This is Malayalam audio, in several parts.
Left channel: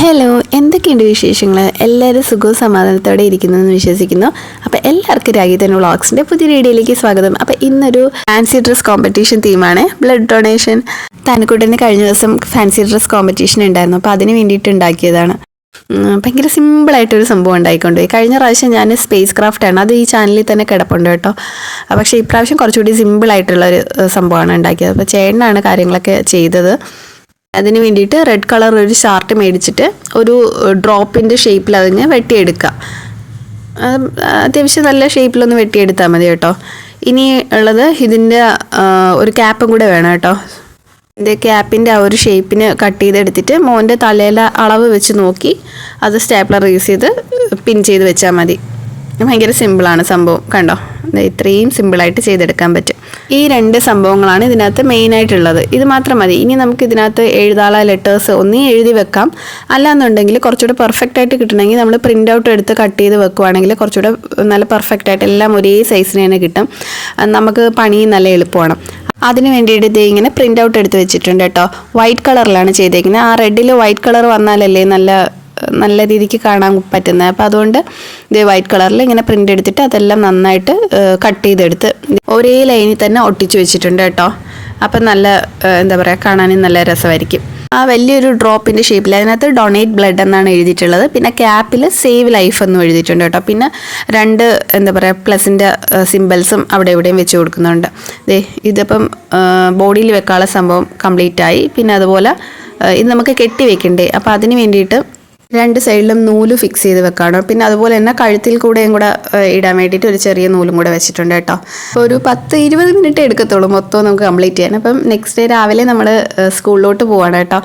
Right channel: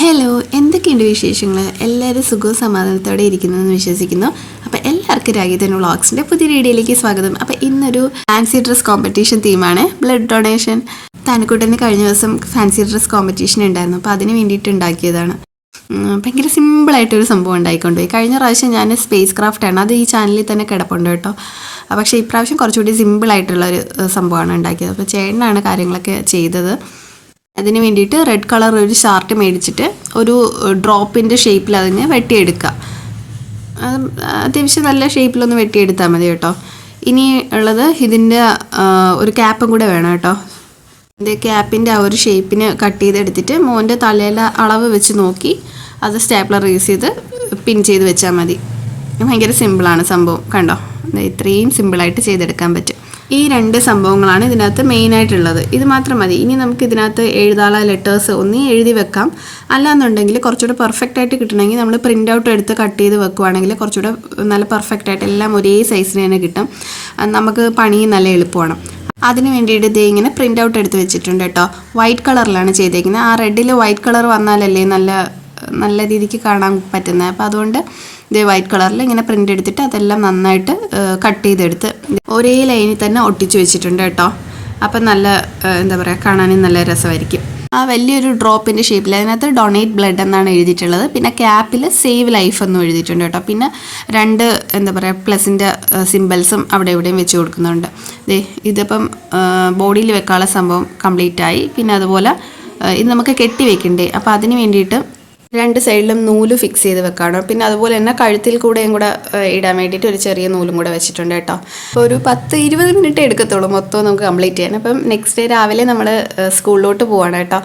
ഹലോ, എന്തൊക്കെയുണ്ട് വിശേഷങ്ങൾ? എല്ലാവരും സുഖവും സമാധാനത്തോടെ ഇരിക്കുന്നതെന്ന് വിശ്വസിക്കുന്നു. അപ്പോൾ എല്ലാവർക്കും രാഗിതൻ വ്ളോഗ്സിൻ്റെ പുതിയ വീഡിയോയിലേക്ക് സ്വാഗതം. അപ്പോൾ ഇന്നൊരു ഫാൻസി ഡ്രസ് കോമ്പറ്റീഷൻ തീമാണ് ബ്ലഡ് ഡൊണേഷൻ. തനക്കുട്ടന് കഴിഞ്ഞ ദിവസം ഫാൻസി ഡ്രസ് കോമ്പറ്റീഷൻ ഉണ്ടായിരുന്നു, അപ്പോൾ അതിന് വേണ്ടിയിട്ട് ഉണ്ടാക്കിയതാണ്. ഭയങ്കര സിമ്പിളായിട്ടൊരു സംഭവം ഉണ്ടായിക്കൊണ്ടുപോയി. കഴിഞ്ഞ പ്രാവശ്യം ഞാൻ സ്പേസ് ക്രാഫ്റ്റാണ്, അത് ഈ ചാനലിൽ തന്നെ കിടപ്പുണ്ട് കേട്ടോ. പക്ഷേ ഇപ്രാവശ്യം കുറച്ചുകൂടി സിമ്പിളായിട്ടുള്ളൊരു സംഭവമാണ് ഉണ്ടാക്കിയത്. അപ്പോൾ ചേട്ടനാണ് കാര്യങ്ങളൊക്കെ ചെയ്തത്. അതിന് വേണ്ടിയിട്ട് റെഡ് കളർ ഒരു ചാർട്ട് മേടിച്ചിട്ട് ഒരു ഡ്രോപ്പിൻ്റെ ഷേപ്പിൽ അതിന് വെട്ടിയെടുക്കുക. അത്യാവശ്യം നല്ല ഷേപ്പിലൊന്ന് വെട്ടിയെടുത്താൽ മതി കേട്ടോ. ഇനി ഉള്ളത് ഇതിൻ്റെ ഒരു ക്യാപ്പും കൂടെ വേണം കേട്ടോ. ഇതിൻ്റെ ക്യാപ്പിൻ്റെ ആ ഒരു ഷേപ്പിന് കട്ട് ചെയ്തെടുത്തിട്ട് മോൻ്റെ തലയിലെ അളവ് വെച്ച് നോക്കി അത് സ്റ്റാപ്ലർ യൂസ് ചെയ്ത് പിൻ ചെയ്ത് വെച്ചാൽ മതി. ഭയങ്കര സിമ്പിളാണ് സംഭവം, കണ്ടോ? ഇത്രയും സിമ്പിളായിട്ട് ചെയ്തെടുക്കാൻ പറ്റും. ഈ രണ്ട് സംഭവങ്ങളാണ് ഇതിനകത്ത് മെയിനായിട്ടുള്ളത്. ഇത് മാത്രം മതി. ഇനി നമുക്ക് ഇതിനകത്ത് എഴുതാനുള്ള ലെറ്റേഴ്സ് ഒന്നീ എഴുതി വെക്കാം, അല്ലാന്നുണ്ടെങ്കിൽ കുറച്ചുകൂടെ പെർഫെക്റ്റ് ആയിട്ട് കിട്ടണമെങ്കിൽ നമ്മൾ പ്രിൻ്റ് ഔട്ട് എടുത്ത് കട്ട് ചെയ്ത് വെക്കുവാണെങ്കിൽ കുറച്ചുകൂടെ നല്ല പെർഫെക്റ്റ് ആയിട്ട് എല്ലാം ഒരേ സൈസിന് തന്നെ കിട്ടും. നമുക്ക് പണി നല്ല എളുപ്പമാണ്. അതിന് വേണ്ടിയിട്ട് ഇത് ഇങ്ങനെ പ്രിൻ്റ് ഔട്ട് എടുത്ത് വെച്ചിട്ടുണ്ട് കേട്ടോ. വൈറ്റ് കളറിലാണ് ചെയ്തേക്കുന്നത്. ആ റെഡിൽ വൈറ്റ് കളർ വന്നാലല്ലേ നല്ല രീതിക്ക് കാണാൻ പറ്റുന്നത്. അപ്പോൾ അതുകൊണ്ട് ഇത് വൈറ്റ് കളറിൽ ഇങ്ങനെ പ്രിൻ്റ് എടുത്തിട്ട് അതെല്ലാം നന്നായിട്ട് കട്ട് ചെയ്തെടുത്ത് ഒരേ ലൈനിൽ തന്നെ ഒട്ടിച്ച് വെച്ചിട്ടുണ്ട് കേട്ടോ. അപ്പം നല്ല എന്താ പറയുക, കാണാനും നല്ല രസമായിരിക്കും. ആ വലിയൊരു ഡ്രോപ്പിൻ്റെ ഷേപ്പിൽ അതിനകത്ത് ഡൊണേറ്റ് ബ്ലഡ് എന്നാണ് എഴുതിയിട്ടുള്ളത്. പിന്നെ ക്യാപ്പിൽ സേവ് ലൈഫ് എന്നും എഴുതിയിട്ടുണ്ട് കേട്ടോ. പിന്നെ രണ്ട് എന്താ പറയുക പ്ലസിൻ്റെ സിമ്പിൾസും അവിടെ എവിടെയും വെച്ച് കൊടുക്കുന്നുണ്ട്. ഇതിപ്പം ബോഡിയിൽ വെക്കാനുള്ള സംഭവം കംപ്ലീറ്റ് ആയി. പിന്നെ അതുപോലെ ഇത് നമുക്ക് കെട്ടി വെക്കണ്ടേ, അപ്പോൾ അതിന് വേണ്ടിയിട്ട് രണ്ട് സൈഡിലും നൂല് ഫിക്സ് ചെയ്ത് വെക്കണം. പിന്നെ അതുപോലെ തന്നെ കഴുത്തിൽ കൂടെയും കൂടെ ഇടാൻ വേണ്ടിയിട്ട് ഒരു ചെറിയ നൂലും കൂടെ വെച്ചിട്ടുണ്ട് കേട്ടോ. അപ്പോൾ ഒരു 10-20 മിനിറ്റ് എടുക്കത്തുള്ളൂ മൊത്തം നമുക്ക് കംപ്ലീറ്റ് ചെയ്യാൻ. അപ്പം നെക്സ്റ്റ് ഡേ രാവിലെ നമ്മൾ സ്കൂളിലോട്ട് പോവാണ് കേട്ടോ.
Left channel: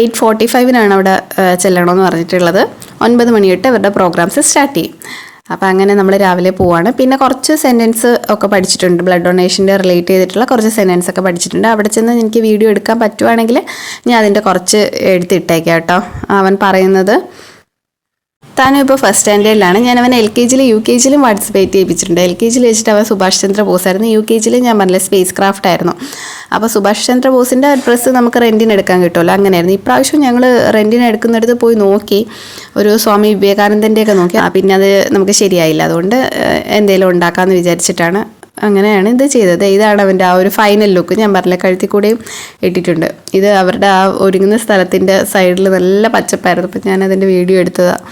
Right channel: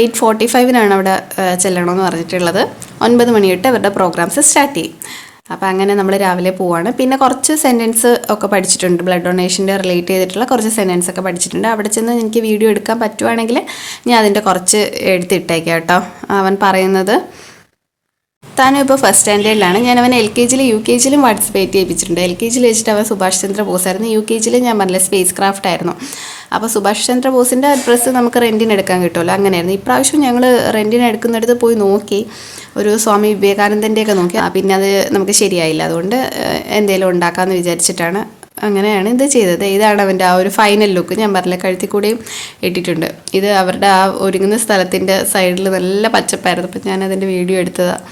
8:45 അവിടെ ചെല്ലണമെന്ന് പറഞ്ഞിട്ടുള്ളത്. 9 മണി തൊട്ട് അവരുടെ പ്രോഗ്രാംസ് സ്റ്റാർട്ട് ചെയ്യും. അപ്പോൾ അങ്ങനെ നമ്മൾ രാവിലെ പോവാണ്. പിന്നെ കുറച്ച് സെൻറ്റൻസ് ഒക്കെ പഠിച്ചിട്ടുണ്ട്, ബ്ലഡ് ഡൊണേഷൻ്റെ റിലേറ്റ് ചെയ്തിട്ടുള്ള കുറച്ച് സെൻറ്റൻസ് ഒക്കെ പഠിച്ചിട്ടുണ്ട്. അവിടെ ചെന്ന് എനിക്ക് വീഡിയോ എടുക്കാൻ പറ്റുവാണെങ്കിൽ ഞാൻ അതിൻ്റെ കുറച്ച് എടുത്തിട്ടേക്കാം കേട്ടോ. അവൻ പറയുന്നത്, താനും ഇപ്പോൾ ഫസ്റ്റ് സ്റ്റാൻഡേർഡിലാണ്. ഞാൻ അവൻ LKG-യിലും UKG-യിലും പാർട്ടിസിപ്പേറ്റ് ചെയ്യിപ്പിച്ചിട്ടുണ്ട്. LKG-യിൽ വെച്ചിട്ട് അവൻ സുഭാഷ് ചന്ദ്ര ബോസായിരുന്നു. UKG-യിൽ ഞാൻ പറഞ്ഞില്ല സ്പേസ് ക്രാഫ്റ്റ് ആയിരുന്നു. അപ്പോൾ സുഭാഷ് ചന്ദ്ര ബോസിൻ്റെ ഡ്രസ്സ് നമുക്ക് റെൻറ്റിന് എടുക്കാൻ കിട്ടുമല്ലോ, അങ്ങനെയായിരുന്നു. ഇപ്രാവശ്യം ഞങ്ങൾ റെൻറ്റിന് എടുക്കുന്നിടത്ത് പോയി നോക്കി, ഒരു സ്വാമി വിവേകാനന്ദൻ്റെയൊക്കെ നോക്കി. പിന്നെ അത് നമുക്ക് ശരിയായില്ല. അതുകൊണ്ട് എന്തെങ്കിലും ഉണ്ടാക്കാമെന്ന് വിചാരിച്ചിട്ടാണ് അങ്ങനെയാണ് ഇത് ചെയ്തത്. ഇതാണ് അവൻ്റെ ആ ഒരു ഫൈനൽ ലുക്ക്. ഞാൻ പറഞ്ഞില്ല കഴുത്തിൽ കൂടെയും ഇട്ടിട്ടുണ്ട്. ഇത് അവരുടെ ആ ഒരുങ്ങുന്ന സ്ഥലത്തിൻ്റെ സൈഡിൽ നല്ല പച്ചപ്പായിരുന്നു. അപ്പോൾ ഞാനതിൻ്റെ വീഡിയോ എടുത്തതാണ്.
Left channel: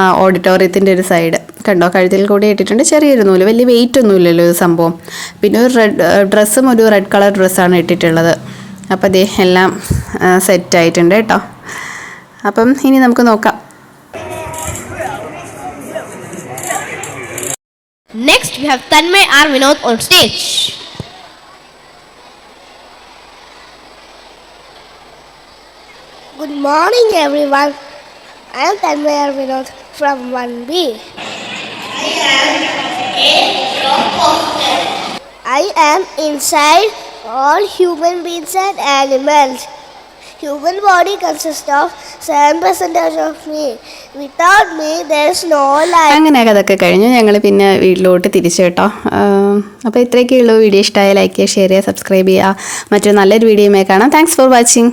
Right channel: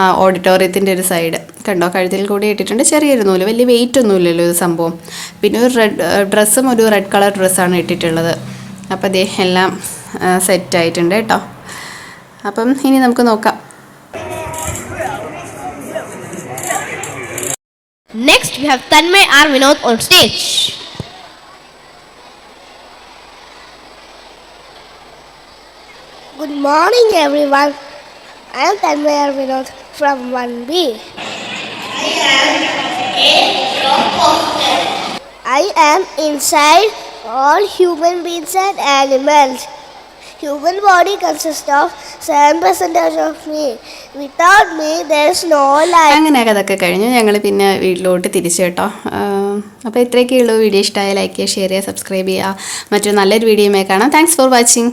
ആ ഓഡിറ്റോറിയത്തിൻ്റെ ഒരു സൈഡ് കണ്ടോ, കഴുത്തിൽ കൂടെ ഇട്ടിട്ടുണ്ട്. ചെറിയൊരു നൂല്, വലിയ വെയിറ്റ് ഒന്നുമില്ലല്ലോ ഇത് സംഭവം. പിന്നെ ഒരു ഡ്രസ്സും ഒരു റെഡ് കളർ ഡ്രസ്സാണ് ഇട്ടിട്ടുള്ളത്. അപ്പോൾ ദേ എല്ലാം സെറ്റായിട്ടുണ്ട് കേട്ടോ. അപ്പം ഇനി നമുക്ക് നോക്കാം. Next we have Tanmay R. Vinod on stage. Good morning everyone. I am Tanmay R. Vinod from 1B. I am inside all human beings and animals. Human body consists of 7% of me. Without me there is no life. അങ്ങനെ അതൊക്കെ കഴിഞ്ഞു ഞങ്ങൾ പിന്നെ വീട്ടിലോട്ട് തിരിച്ചു കേട്ടോ. അപ്പോൾ ഇത്രയൊക്കെയുള്ളൂ. വീഡിയോ ഇഷ്ടമായ ലൈക്ക് ചെയ്യുക, ഷെയർ ചെയ്യുക, സബ്സ്ക്രൈബ് ചെയ്യുക. മറ്റൊരു നല്ലൊരു വീഡിയോയുമായി കാണാം. Thanks for watching.